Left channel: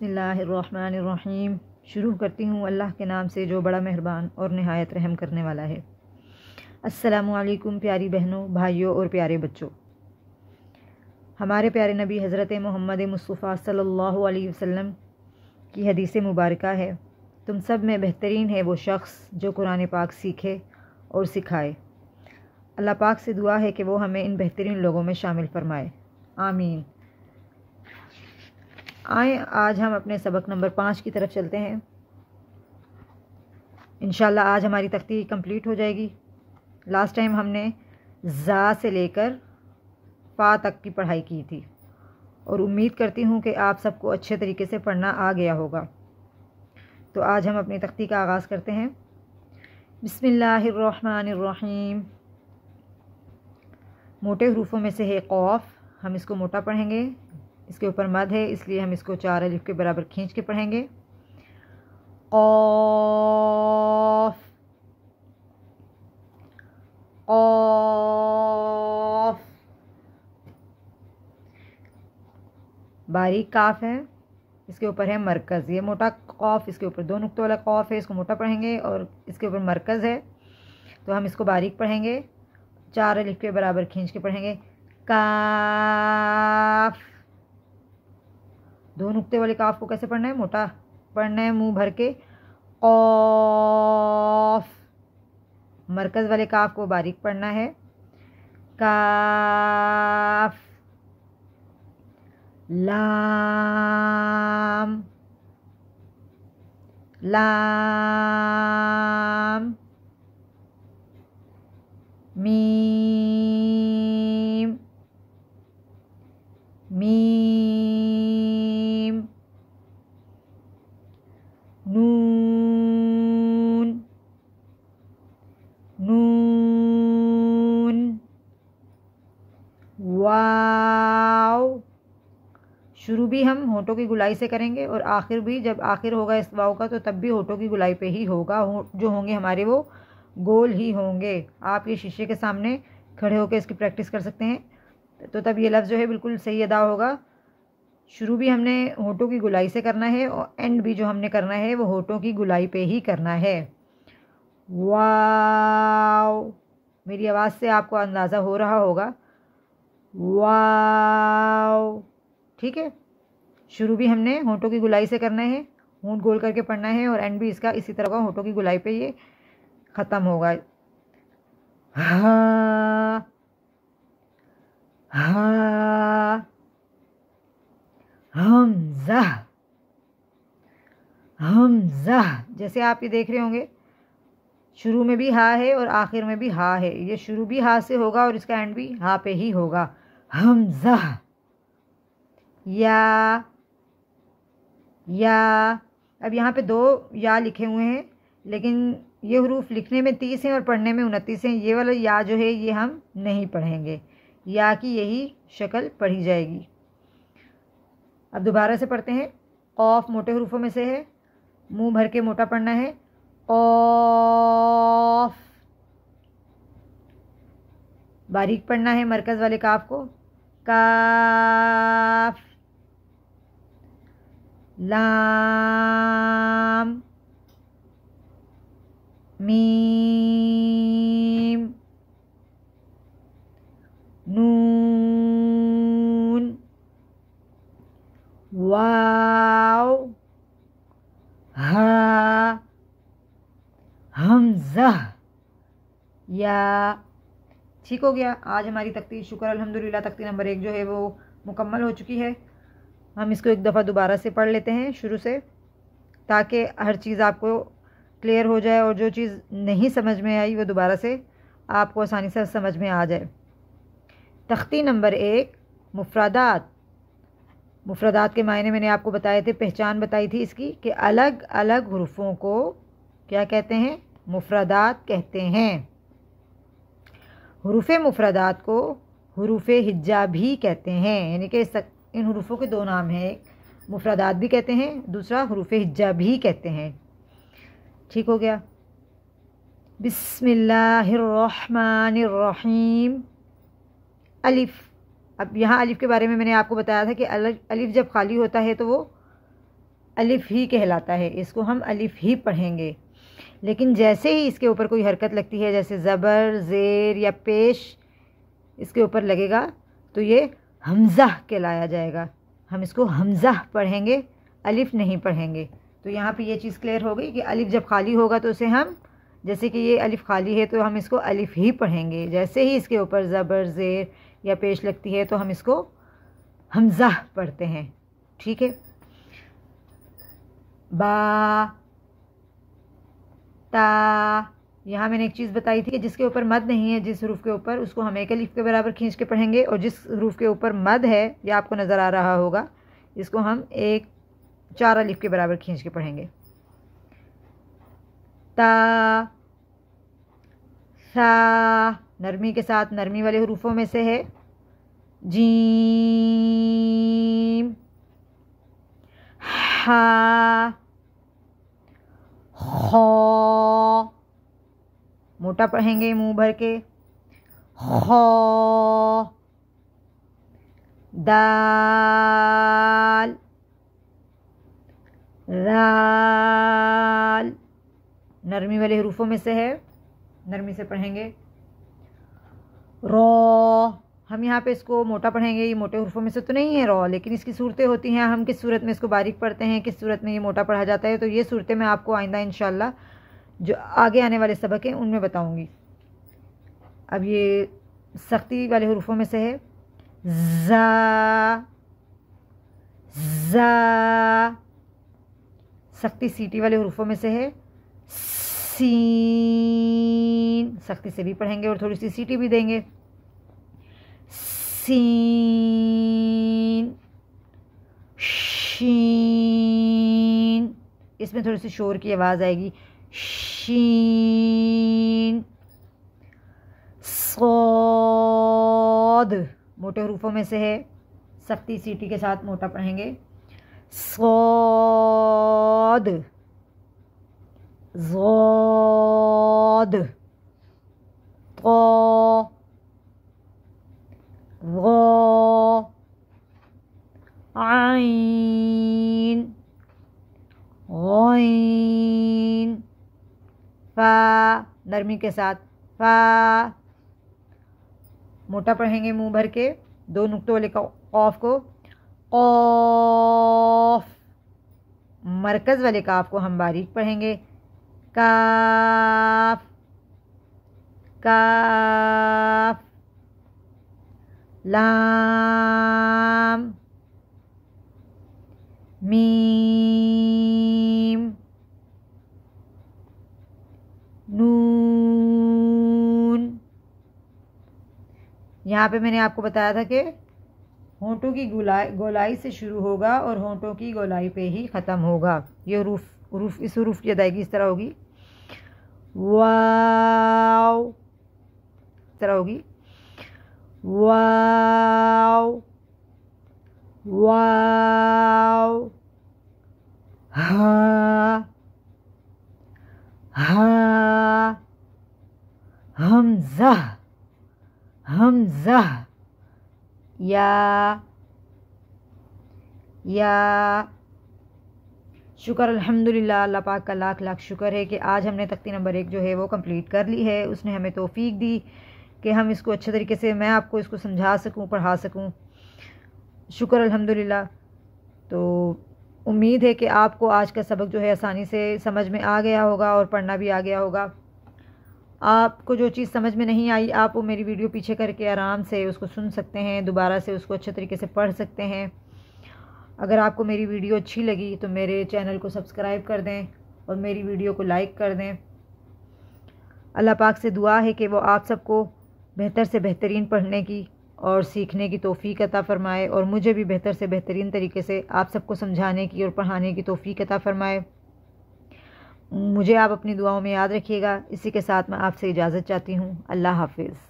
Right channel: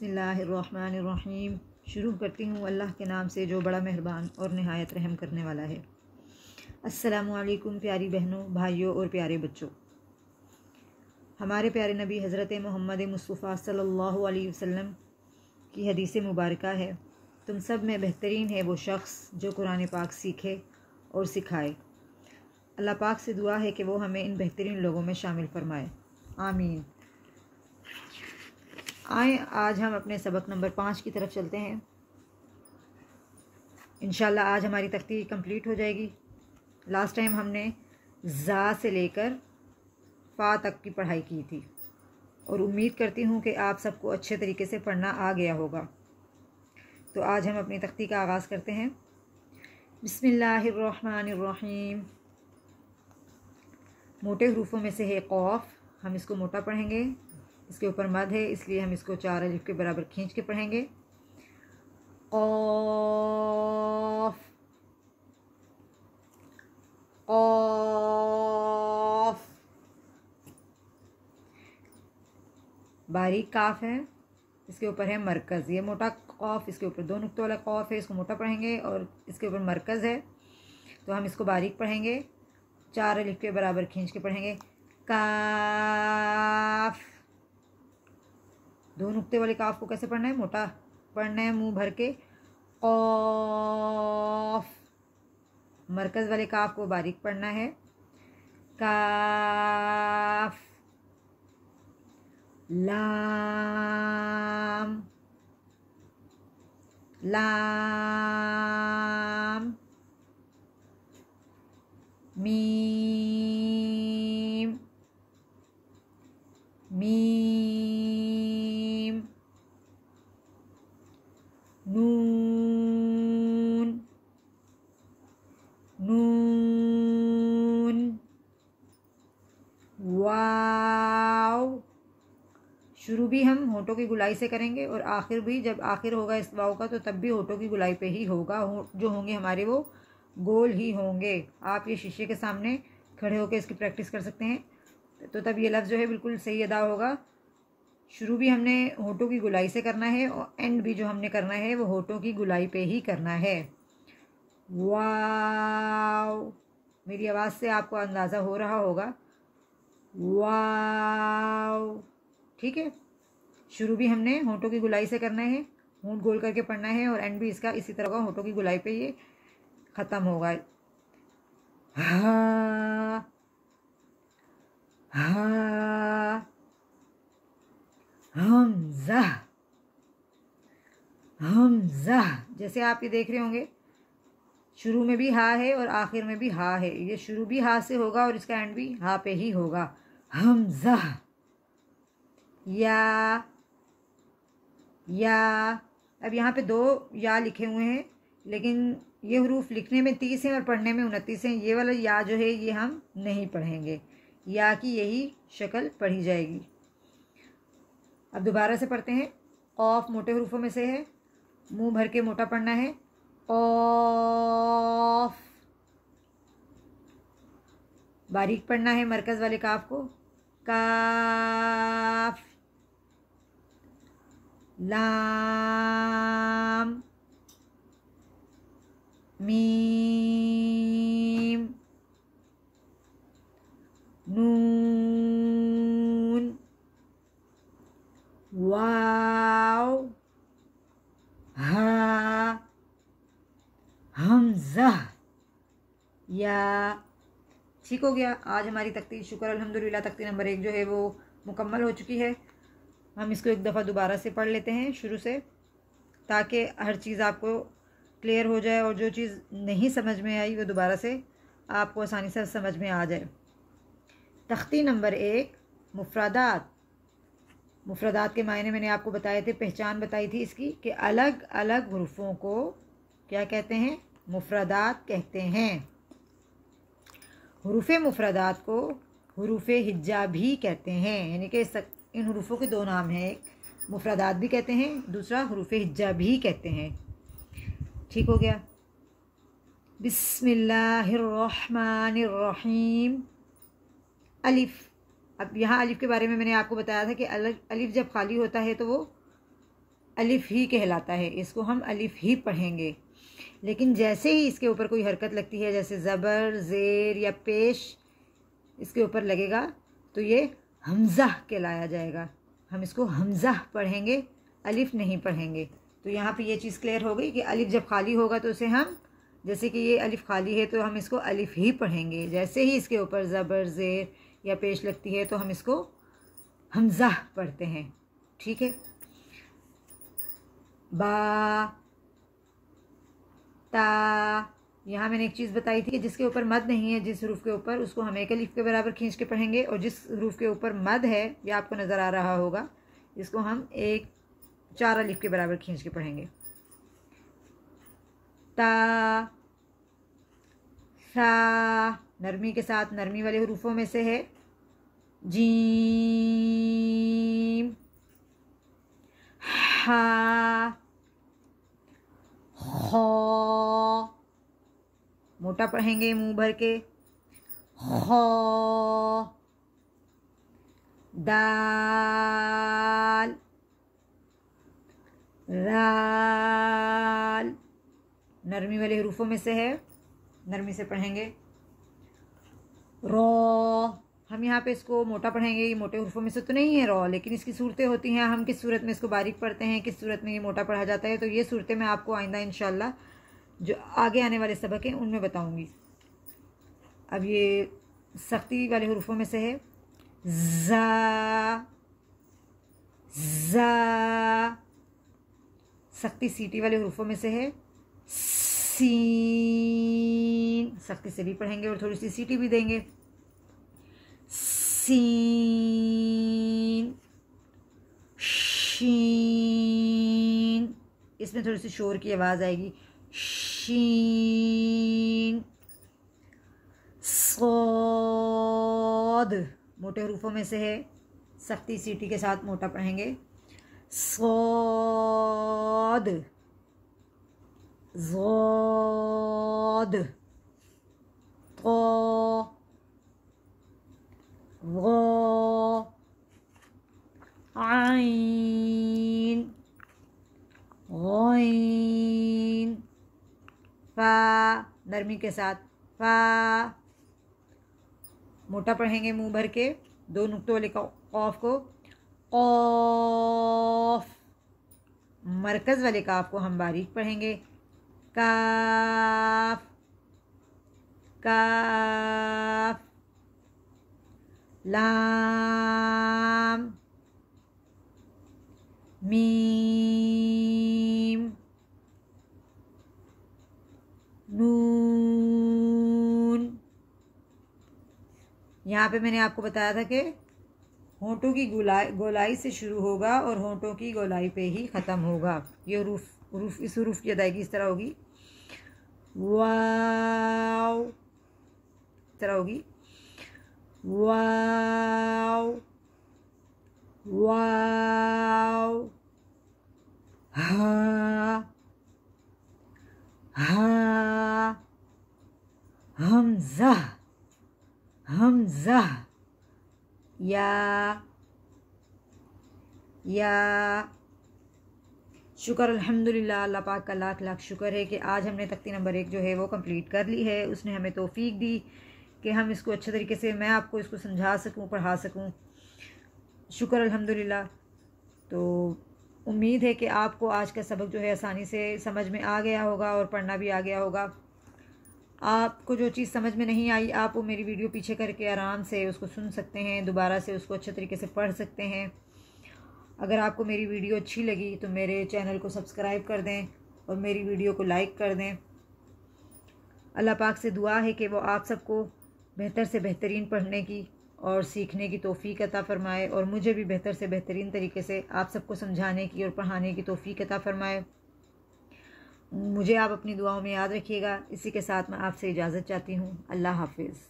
बिस्मिल्लाहिर्रहमानिर्रहीम। शुरू करती हूँ अल्लाह के नाम से जो बड़ा मेहरबान और नहायत रहम करने वाला है। अस्सलामु अलैकुम प्यारी बहनों, भाइयों और प्यारे बच्चों। हमारे प्यारे नबी हज़रत मोहम्मद मुस्तफ़ा सल्लल्लाहु अलैहि वसल्लम की हदीस मुबारका है, तुम सब में बेहतरीन है वो शख्स जो कुरान पाक सीखे और सिखाए। अल्लाह पाक से दुआ है कि वो हमें इन बेहतरीन लोगों में शामिल फरमाए, आमीन। आए आज हम अपने सबक नंबर 5 की तरफ चलते हैं। इंशाल्लाह आज हमारी तख्ती कंप्लीट हो जाएगी। लास्ट टाइम हमने ज़ा से लेकर फ़ा तक की पढ़ाई की थी और उम्मीद करती हूँ कि आप सबको अच्छे तरीके से पढ़ना आ गया होगा। तो आज हम अपनी तख्ती का आगाज़ करते हैं। बिस्मिल्लाहिर्रहमानिर्रहीम। मोटे हरूफों में से है क़ौफ़, हम इसको मोटा पढ़ेंगे। इसके ऊपर मद है इसलिए हम इसको 4 अलिफ के बराबर खींच के पढ़ेंगे। क़ौफ़ क़ौफ़। बारीक काफ है, इसके ऊपर है मरकज़। ये मोटा क़ौफ़, इसके ऊपर 2 नुक्तों वाला क़ौफ़ है, इसको मोटा पढ़ेंगे और इसके ऊपर मरकज़ है तो हम इसको बारीक पढ़ेंगे। 4 अलिफ के बराबर खींच के पढ़ेंगे। काफ। 2 नुक्ते वाले काफ को कैसे पढ़ना है? मोटा पढ़ना है, मुंह भर के। क़ौफ़। मरकज़ वाले काफ को बारीक पढ़ना है। काफ। लाम लाम। मीम मीम। नून नून। वाव। शुरू भी हम होठों की गुलाई से करेंगे और आखिर भी, जब आखिर होगा इस वाव का तो तब भी होठों की गुलाई पे ही होगा। जो होंगे हमारे वो गोल ही होंगे। आप ये शीशे के सामने खड़े होकर इसकी प्रैक्टिस कर सकते हैं तो तब ये लफ्ज़ जो है बिल्कुल सही अदा होगा। शुरू भी हमने होठों की गुलाई से करना है और एंड भी जो हमने करना है वो होठों की गुलाई पे ही करना है। वाव। मेरी आवाज़ से आपको अंदाज़ा हो रहा होगा। वाव। ठीक है, शुरू भी हमने होठों की गुलाई से करना है, होंठ गोल करके पढ़ना है और एंड भी इसका इसी तरह का होठों की गुलाई पे ये ख़त्म होगा। हा हा। हमज़ा हमज़ा। जैसे आप ये देख रहे होंगे शुरू में भी हा है और आखिर में भी हा है। ये शुरू भी हा से होगा और इसका एंड भी हा पे ही होगा। हमज़ा। या अब यहाँ पे 2 या लिखे हुए हैं लेकिन ये हरूफ लिखने में 30 हैं और पढ़ने में 29 हैं। ये वाला या जो है ये हम नहीं पढ़ेंगे, या की यही शक्ल पढ़ी जाएगी। अब दोबारा से पढ़ते हैं। क़ौफ़ मोटे हरूफों में से है, मुंह भर के मोटा पढ़ना है। क़ौफ़। बारीक पढ़ना है मरकज़ वाले काफ को। काफ। लाम मीम नून वाव हा हमज़ा या। ठीक हो गया। आज हमारी तख्ती शुक्र अल्हम्दुलिल्लाह तख्ती नंबर 1 जो है वो मुकम्मल हो चुकी है। हम इसको एक दफ़ा दोबारा से पढ़ लेते हैं शुरू से ताकि हर चीज़ आपको क्लियर हो जाए और जो चीज़ नहीं समझ में आई वो दोबारा से आपको आसानी से समझ में आ जाए। तख्ती नंबर 1 मुफ़रदात। मुफ़रदात के मायने मैंने आपको बताए थे, पहचान बताई थी इसकी कि अलग अलग हरूफों को क्या कहते हैं? मुफ़रदात कहते हैं। हरूफ मुफ़रदात को हरूफ हिज्जा भी कहते हैं, यानी कि इन हरूफों के 2 नाम हैं, एक मुफ़रदात भी कहते हैं, दूसरा हरूफ हिज्जा भी कहते हैं। ठीक हो गया। बिस्मिल्लाहिर्रहमानिर्रहीम। अलिफ। अब यहाँ अलिफ के बारे में मैंने आपको बताया था कि अलिफ जब खाली होता है तो वो अलिफ ही कहलाता है, इसको हम अलिफ ही पढ़ेंगे। लेकिन जैसे ही इसके ऊपर कोई हरकत लगती है, जैसे ज़बर, ज़ेर या पेश इसके ऊपर लगेगा, तो ये हमज़ा कहलाया जाएगा। हम इसको हमज़ा पढ़ेंगे, अलिफ नहीं पढ़ेंगे। तो यहाँ पे ये चीज़ क्लियर हो गई कि अलिफ जब खाली होगा तो उसे हम, जैसे कि ये अलिफ खाली है तो हम इसको अलिफ ही पढ़ेंगे। जैसे ही इसके ऊपर ज़बर, ज़ेर या पेश लगती है तो हम इसको हमज़ा पढ़ते हैं। ठीक है। बा, ता, यहाँ मैंने एक चीज़ बताई थी कि जिसके ऊपर मद नहीं है, जिस हरूफ के ऊपर, उसको हम एक अलिफ के बराबर खींच के पढ़ेंगे, और जिस हरूफ के ऊपर मद है, यह आपको नज़र आ रहा होगा, इसको हम 4 अलिफ के बराबर खींच के पढ़ेंगे। ता, सा, नरमी के साथ नरमी वाले हरूफों में से है। जीम, हा, खौ, मोटा पढ़ेंगे मुंह भर के, खौ, दाल, राल, नरमी वाले हरूफों में से है, नरमी से पढ़ेंगे। रौ, हम यहाँ पे इसको मोटा पढ़ेंगे, ये मोटे हरूफों में से तो नहीं है रौ, लेकिन इसकी सूरतें होती हैं, हम किस सूरत में इसको बारीक पढ़ते हैं, किस सूरत में ये मोटा पढ़ा जाता है। तो ये सूरतें मैं आपको आइंदा इंशाल्लाह जो आगे आने वाले सबक हैं उनमें बताऊंगी। अब ये सख्ती वाले हरूफों में से है। ज़ा, ज़ा, सख्ती सीटी वाले हरूफों में से है। सीन, सख्ती से भी पढ़ेंगे और थोड़ी सी सीटी भी देंगे। सीन, शीन, इसमें थोड़ी सी शोर की आवाज़ आएगी। शीन, सौद, मोटे हरूफों में से है, सख्ती सीटी के साथ मोटा पढ़ेंगे। सौद, ज़ौद, तो, गौ, आइन, गौइन, फा, नरमी के साथ फा, मोटा पढ़ेंगे मुंह भर के, 2 नुक्तों वाले कॉफ को। कॉफ, मरकज़ वाले काफ को हम बारीक पढ़ेंगे। काफ, काफ, लाम, मीम, नून। यहाँ पे मैंने आपको बताया था कि होंठों की गोलाई से शुरू होगा और होंठों की गोलाई पे ही ख़त्म होगा। ये हरूफ इस हरूफ की अदायगी इस तरह होगी। वाव, इस तरह होगी। वाव, वाव, हा, हा, हमज़ा, हमज़ा, या, शुक्र अल्हम्दुलिल्लाह, अल्लाह पाक का लाख लाख शुक्र है कि आज हमने तख्ती नंबर 1 जो है वो कंप्लीट कर ली है। उसने हमें तौफीक दी कि हम इसको अच्छे तरीके से, मैं आपको इसको समझा सकूं, पढ़ा सकूं। शुक्र अल्हम्दुलिल्लाह। तो उम्मीद है कि आपको आज का सबक जो है आसानी से समझ में आ गया होगा और पढ़ना भी आ गया होगा। आपको जो चीज़ समझ में नहीं आई, आप वो मेरी वीडियो पीछे करके आराम से उसको सुन सकते हैं, दोबारा से उसको अच्छे तरीके से पढ़ सकते हैं। अगर आपको मेरी वीडियो अच्छी लगी तो मेरे चैनल को सब्सक्राइब कर दें और मेरी वीडियो को लाइक कर दें। अल्लाह पाक से दुआ है कि वो आप सबको बेहतर से बेहतरीन पढ़ने की और सीखने की तौफीक अता फ़रमाए, और मुझे भी बेहतर से बेहतरीन तरीके से आप सबको समझाने की और पढ़ाने की तौफीक अता फ़रमाए। मुझे आप अपनी दुआओं में याद रखिएगा। इसी के साथ मैं आपसे इजाज़त चाहती हूँ। अल्लाह हाफ़िज़।